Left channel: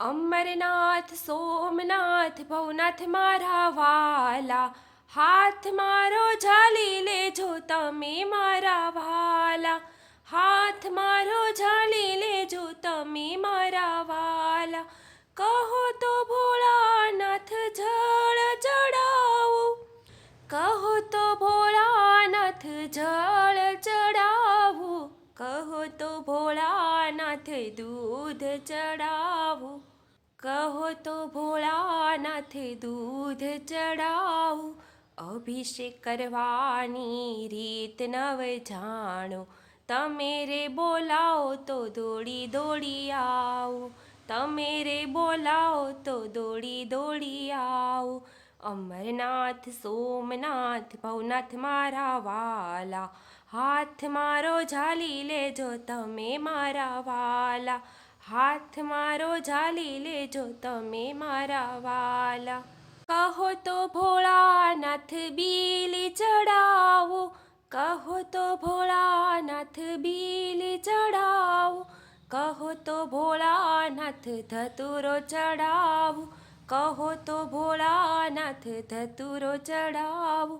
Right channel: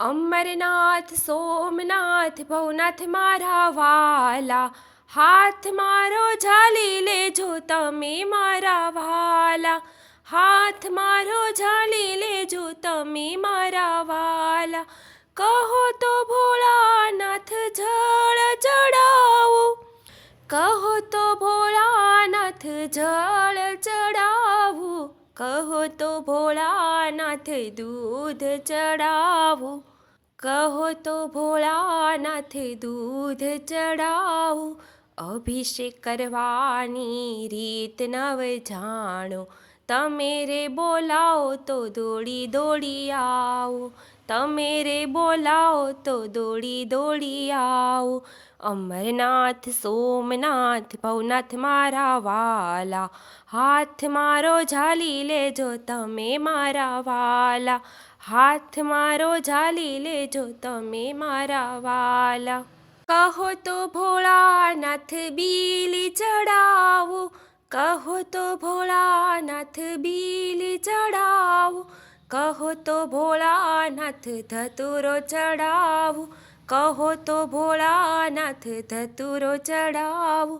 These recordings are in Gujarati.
અમરનાથ સોમનાથ ભવનાથ મારા વાલા, હાથ મારો ઝાલી લેજો તમે મારા વાલા, હાથ મારો ઝાલી લેજો તમે મારા વાલા. કહો તો ભોળાનાથ જળ ચડાવું, કહો તો ભોળાનાથ જળ ચડાવું, કહો તો ભોળાનાથ દૂધ ચડાવું, કહો તો ભોળાનાથ દૂધ ચડાવું. અભિષેક કરવાની રીત નવ જાણો, તમે રે બોલાવો તો દોડી દોડી આવો, તમે રે બોલાવો તો દોડી દોડી આવો. અમરનાથ સોમનાથ ભવનાથ મારા વાલા, હાથ મારો ઝાલી લેજો તમે મારા વાલા, હાથ મારો ઝાલી લેજો તમે મારા વાલા. કહો તો ભોળાનાથ બીલી ચડાવો, કહો તો ભોળાનાથ બીલી ચડાવો, કહો તો ભોળાનાથ ધતુરો ચડાવો, કહો તો ભોળાનાથ ધતુરો ચડાવો.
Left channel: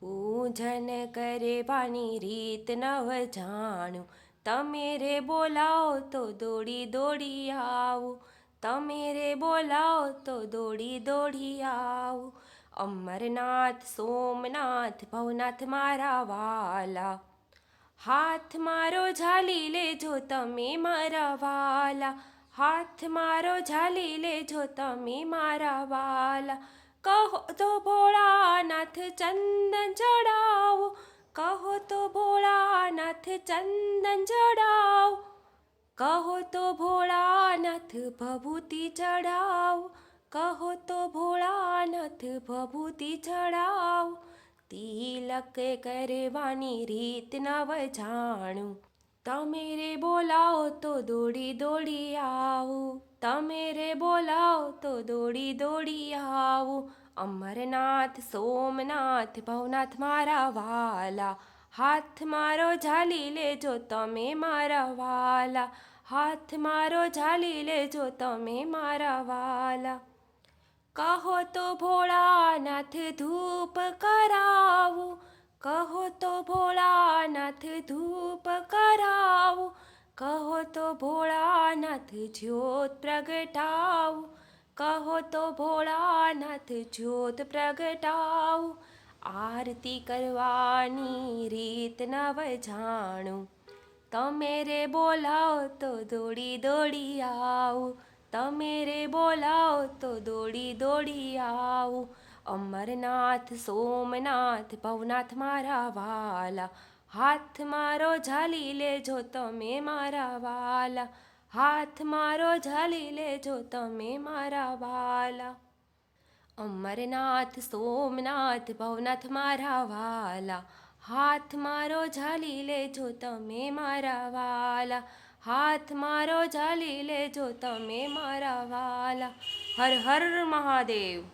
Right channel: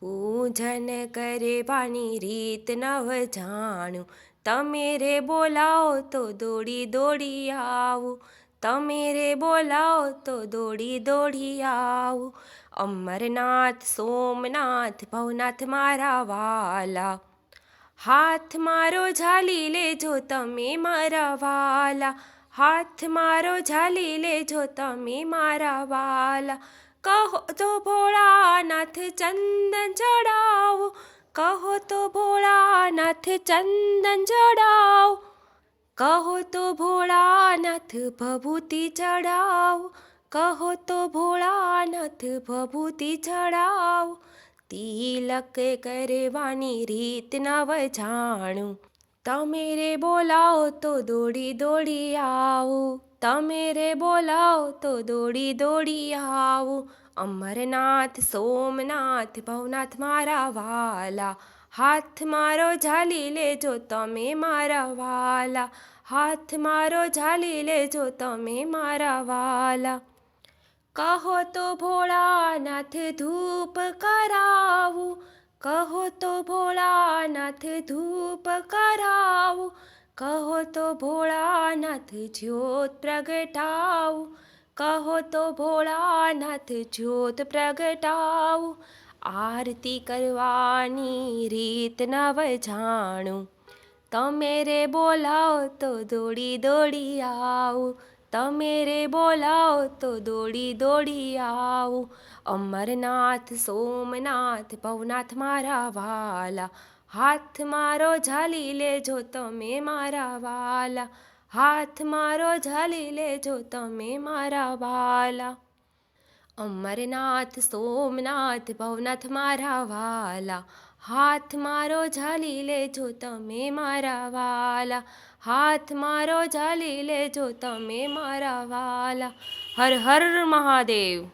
પૂજન કરવાની રીત નવ જાણું, તમે રે બોલાવો તો દોડી દોડી આવું, તમે રે બોલાવો તો દોડી દોડી આવું. અમરનાથ સોમનાથ ભવનાથ મારા વાલા, હાથ મારો ઝાલી લેજો તમે મારા વાલા, હાથ મારો ઝાલી લેજો તમે મારા વાલા. કહો તો ભોળાનાથ ચંદન ચડાવો, કહો તો ભોળાનાથ ચંદન ચડાવો, કહો તો ભોળાનાથ ભભૂતિ ચડાવો, કહો તો ભોળાનાથ ભભૂતિ ચડાવો. તિલક કરવાની રીત નવ જાણું, તમે રે બોલાવો તો દોડી દોડી આવું, તમે રે બોલાવો તો દોડી દોડી આવું. અમરનાથ સોમનાથ ભવનાથ મારા વાલા, હાથ મારો ઝાલી લેજો તમે મારા વાલા, હાથ મારો ઝાલી લેજો તમે મારા વાલા. કહો તો ભોળાનાથ ધૂપ કરાવું, કહો તો ભોળાનાથ ધૂપ કરાવું, કહો તો ભોળાનાથ જ્યોત પ્રગટાવું, કહો તો ભોળાનાથ જ્યોત પ્રગટાવું. આરતી કરવાની રીત નવ જાણું, તમે રે બોલાવો તો દોડી દોડી આવું, તમે રે બોલાવો તો દોડી દોડી આવું. અમરનાથ સોમનાથ ભવનાથ મારા વાલા, હાથ મારો ઝાલી લેજો તમે મારા વાલા, હાથ મારો ઝાલી લેજો તમે મારા વાલા. અમરનાથ સોમનાથ ભવનાથ મારા વાલા, હાથ મારો ઝાલી લેજો તમે મારા વાલા, હાથ મારો ઝાલી લેજો તમે મારા વાલા. હર હર મહાદેવ.